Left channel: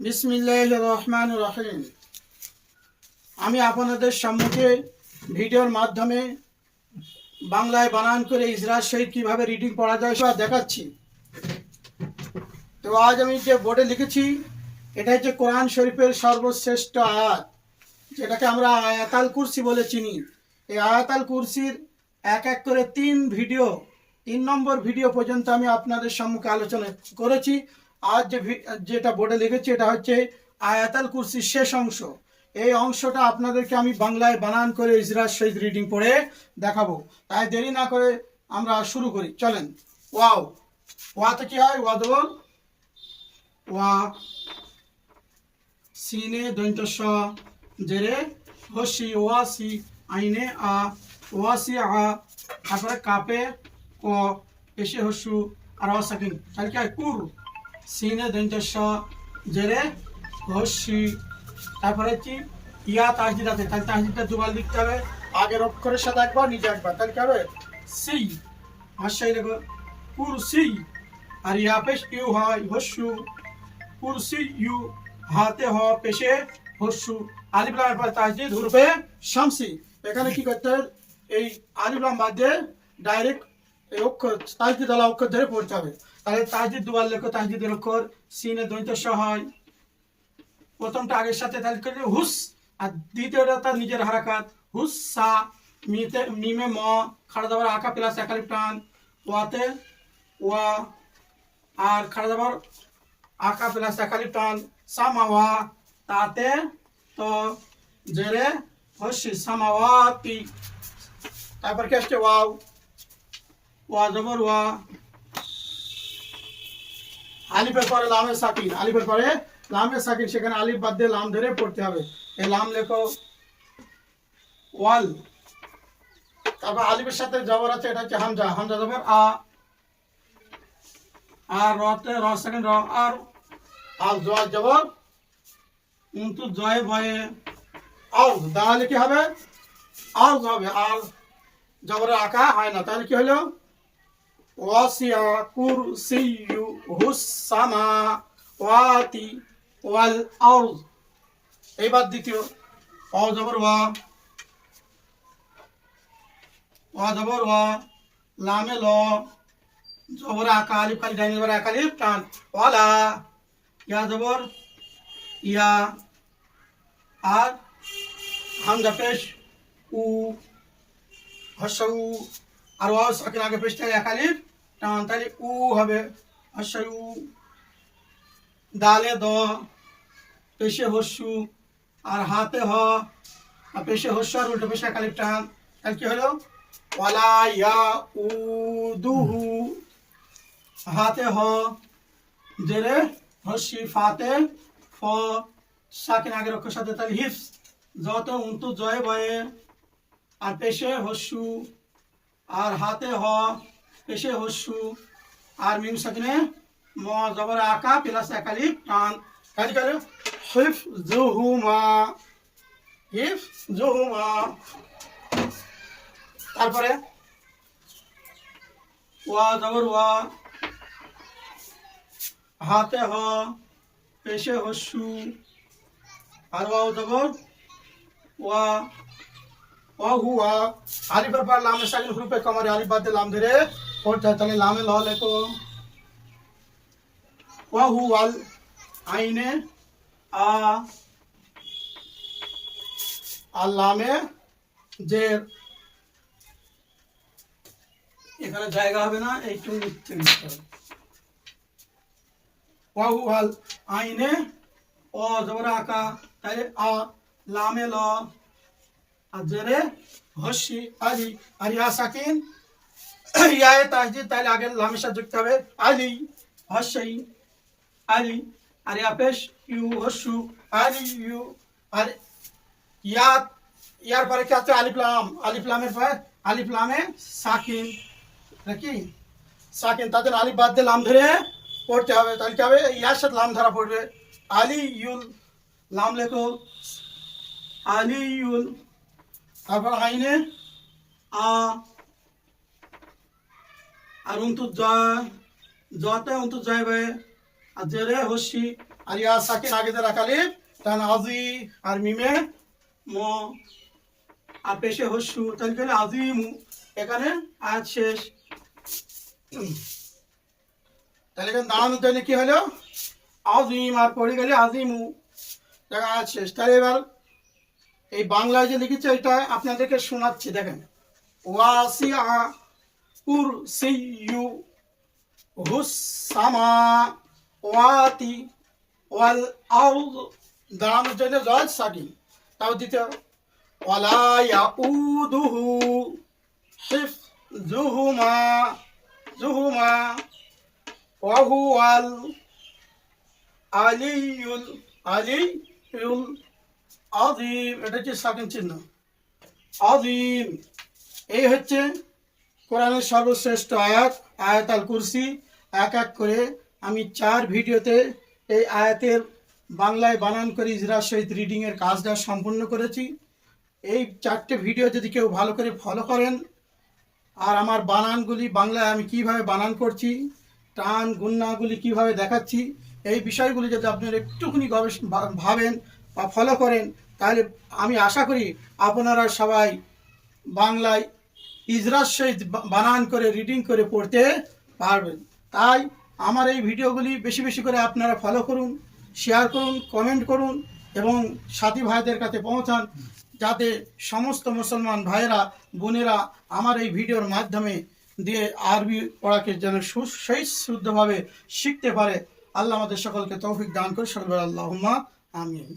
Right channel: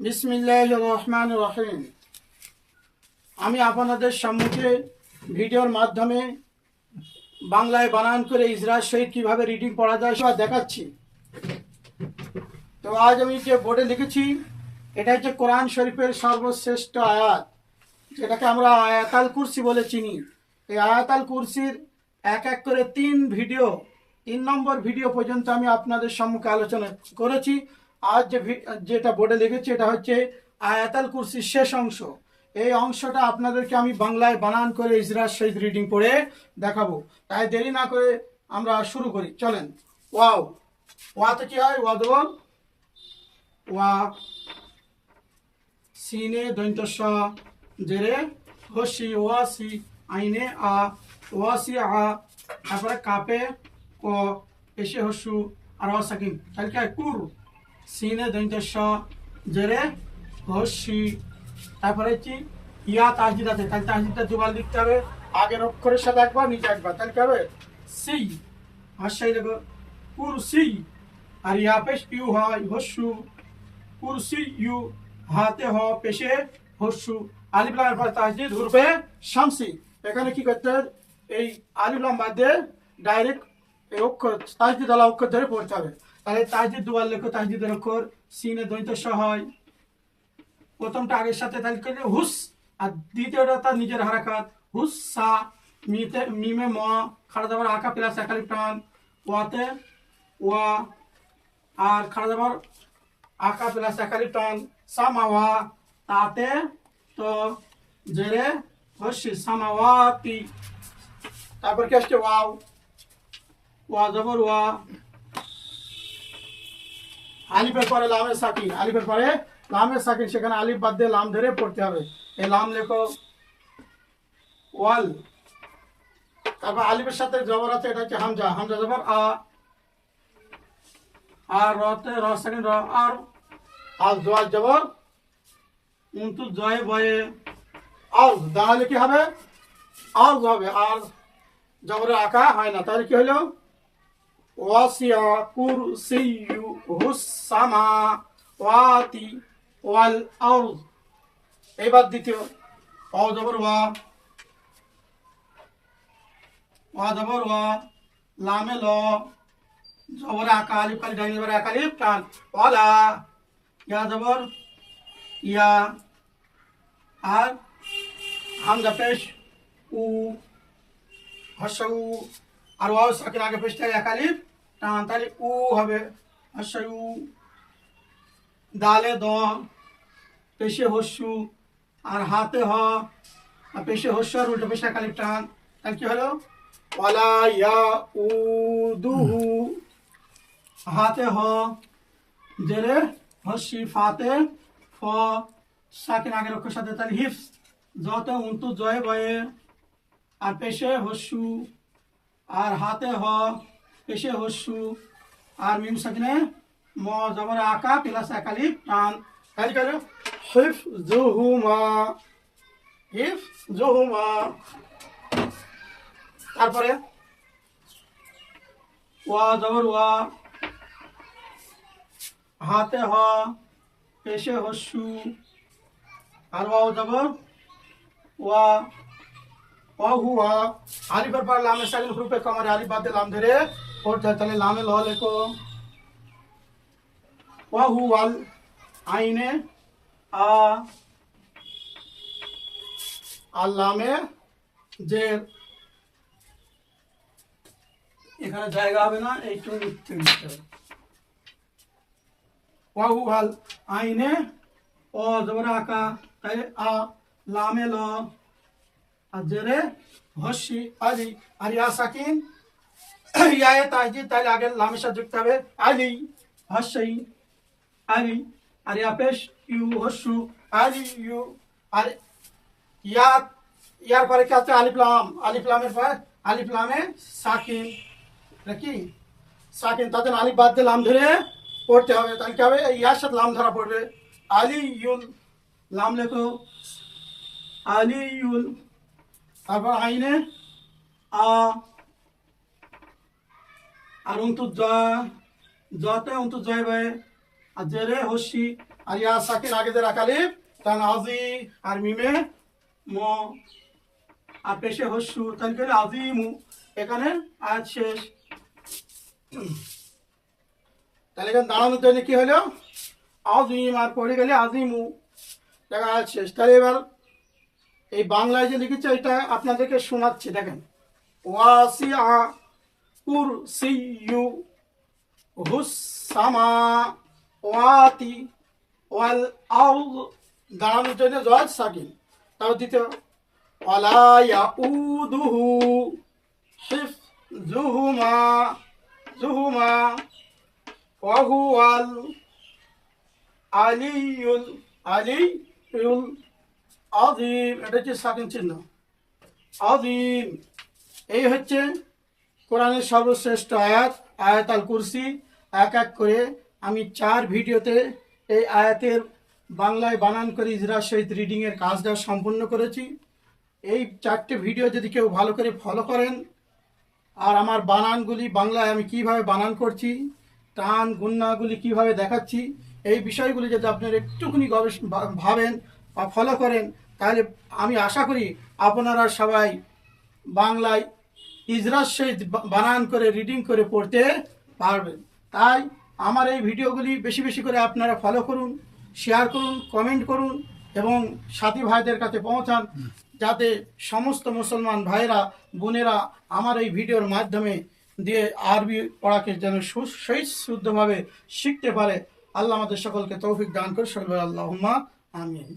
বিসমিল্লাহ রহমান রহিম আমি আপনাদের সম্মুখে ভিডিওর মাধ্যমে বাংলায় বানান করে ইসরায়েল সহিত কীভাবে রিডিং পড়া যায় সব দেখাচ্ছি। তো আজ আমি যে বোর্ডে লিখেছি, এটা হচ্ছে কোরআন শরীফের সর্বশ্রেষ্ঠ আয়াত, যেটাকে আমরা আয়াতাল কুরসি বলে চিনি। এই আয়াতাল কুরসির এক এক করে তিন ভিডিও, তিন নম্বর ভিডিও পর্যন্ত আমি আপনাদের সম্মুখে আলোচনা করেছি। আজ যে যেটা বোর্ডে লিখেছি, এটা হচ্ছে আয়াতাল কুরসির শেষ অংশ। এই অংশটা আপনাদেরকে আমি বাংলায় বানান করে ইসরাত শহীদ রিডিং পড়ে দেখাবো। তাই দেরি না করে আমরা শুরু করি। চলেন। ওয়াও। ওয়াতে কি হয়? ওয়া দেবো ওয়া সিনে দৈন্ত স জেরে হসি ওয়াসি আইনে আ ওয়াসি আ, তারপরে কাপে ক, পেশে হসু, আর অসাকিন তাহলে কি হয়? কুর। সিনে দৈন্ত স, জেরে, হসি। তারপরে কি ইয়া তাহজিদ আছে, তাহলে তাহজিদটা দুবার লিখতে হবে। আগের অক্ষরের সাথে একবার, নিচে একবার, তাহলে কি হবে? সি। হাসাই দেখো, কুরসি। আর ইয়া পেশ ইউ হয় হসু। কুরসি ইউ, হাতে হ পেশে হস্যু আলিফলাম পর তাহজিদ হুরফে শামসি। এখানে কি করতে এই আলিফলাম বাদে ডাইরেক্ট এই অক্ষর অক্ষর ধরে পড়তে হবে। তাহলে তাহজিদ দুবার লেখো তাহজিদের অক্ষর, সিনে দৈত স হয়। প্রথমটা আগের সাথে তাহলে হুস, আর দ্বিতীয়টা তার নিজের হারাকাত, হুস, সা, মিতে, মিমে, ম খাড়া দাবার আঁকা প্লাস একালিপ টান, ওয়াতে, ওয়া, আর খাড়া দাবার আঁকা প্লাস একালিপ টান সামাওয়া তাতে, তো, জেরে, হসি সামাওয়াতি তারপর কে আসছে? ওয়াও। ওয়া জবর ওয়া। আলিফের পরে লামে সাকিন। আলিফের পরে লামে সাকিন, সেখানে আলিফ বাদ দিয়ে লাম ধরে পড়তে হবে। এই লাম লেখো ওয়াল। তারপর আলিফের সাথে জবর আছে, এটা হচ্ছে হামজা। হামজা জবর, আ। আর রতে, র সাকিন র। আর আর জয় জবর উন্তু জয় বয়ে। আর দাঁড়ালে কি হবে? আর হবে। আর জবরের আঁকা হয় না। তাহলে কি হলো? ওয়াসিয়া কুরসিয়ু হুসামা ওয়াতি ওয়াল আরদ এবার দ্বিতীয় অ জবর ওয়া ওয়া জবর ওয়া লামে ল জবর আকা আলিফ কালি ডাইনি জবর আকা আলিফ টান ওয়ালা ইয়া জবর ইয়া আর হামজা পেশ উ হসাউ আর ওয়াও সাকিন আগে পেশটা এক আলিফ টান তাহলে উ হবে। হসাউ দালে দ, পেশে হস্যু, আর হাতে হ, আর পেশে হস্যু আর উল্টো পেশে এক আলিফ টান। তাহলে কি হলো? ওয়ালা ইয়া উ দুহু হাতে হ, জেরে হস্যি ফাতে ফ। সাকিন আগের অক্ষর সাথে তাহলে হিফ যত উন্তু জয় বয়ে, আর পেশে হস্যু আর হাতে হ পেশে হস্যু। আর মিম সাকিনে, ম, জবর আকা, প্লাস একালি টান। কাজ করে হিফ জুহুমা হিফ জুহুমা তারপরে, ওয়া, জবর ওয়া। হাতে হ পেশে হস্যু। আর ওয়াও জবর, ওয়া। অহুয়া আলিফের পর লামে সাকিন হুরুফে কমারে আলিফ বাদ দিয়ে লাম ধরে পড়তে হয় তাহলে লামে ল লেখো অহুয়াল আইনে আ আর লামে যে এখানে জায়গা হবে না এইটু লিখতে দিতে হবে ওয়াহুয়াল আইনে ও জবর আকা তাই আ লামে ল আর জেরে হসি আলি আর ইয়া সাকিন ইয়ায়ে তাহজিদ তাহলে আগে লামের সাথে যুক্ত হবে আলি হসই আলি আর ইয়া পেশ ইউ হসু আলি ইউ আর ইয়া ইয়ার পরে কি আছে আলিফ লাম আলিফ লামের পরে আলিফ লামে সাকিন নাকি সাকিন তাদের আলিফ বাদ দিয়ে লাম ধরে পড়তে হবে তাহলে কি হবে ইয়ার সাথে লাম ধরা পড়বে আলি ইউল লাম লেখো আলি ইউল তারপর আইনে আ, আর উন্তু জ জতে উন্তু জয় বে আর জেরে হসি, আর ইয়া সাকিন আগে যে রাখালিফ তাহলে আজি আর মিমে ম, আর পেশে হস্যু তাহলে আজিমু এখানে আয়াত শেষ। তাহলে এখানে দাঁড়ানোর জন্য কি হলো? আজিম, আর পড়ে গেলে আজিমু দেখা আয়াত শেষ। তাহলে এবার এই বাংলায় যে লিখেছে, এটা আপনাদেরকে শোনাচ্ছি, দেখেন। ওয়াসিআ কুরসিয়ু হুসামা ওয়াতি ওয়াল আউদ দাঁড়ানোর জন্য জজ সাকিন তাও দিতে ওয়ালা ইয়াউদুহু হিফজুহুমা জুহুমা ওয়াহুয়াল আলিউল আলিউল আযীম এটা হচ্ছে সাকিন চিহ্ন। আযীম এই হচ্ছে কোরআনের সর্বশ্রেষ্ঠ আয়াত আয়াত আল কুরসি। এক এক করে আমি চার ভিডিওতে এই আয়াতের বাংলায় বানান করে ইজরা সহিত রিডিংয়ের কাজটা সম্পূর্ণ করেছি। এই চারটে ভিডিও যদি কেউ ভালো করে ফলো করেন, আর আমার বানানগুলি বাংলায় আমি কীভাবে বানান করছি, টান গুন্নাগুলি কীভাবে দেখাচ্ছি, এই বিষয়গুলি যদি আপনারা একটুখানি গবেষণা ভাবেন বা ফলো করেন তাহলে আমি আশা করি আপনারা সবাই বাংলায় ইজরার সহিত বানান করে রিডিং করে পড়তে পারবেন। তাই আমার এই ভিডিওগুলি বেশি বেশি করে আপনারা ফলো করুন শেয়ার করুন কমেন্ট করুন এবং সাথী ভাইদের কাছে পৌঁছান যাতে সমস্ত মুসলমান ভাইয়েরা, বোনেরা আমার এই ভিডিওর মাধ্যমে দিয়ে আরবি পড়াকে যেন সেই শুদ্ধভাবে শিখতে পারে। আল্লাহ আমাদের সকলকে তৌফিক দান করে সরবর আল্লাহ আমিন।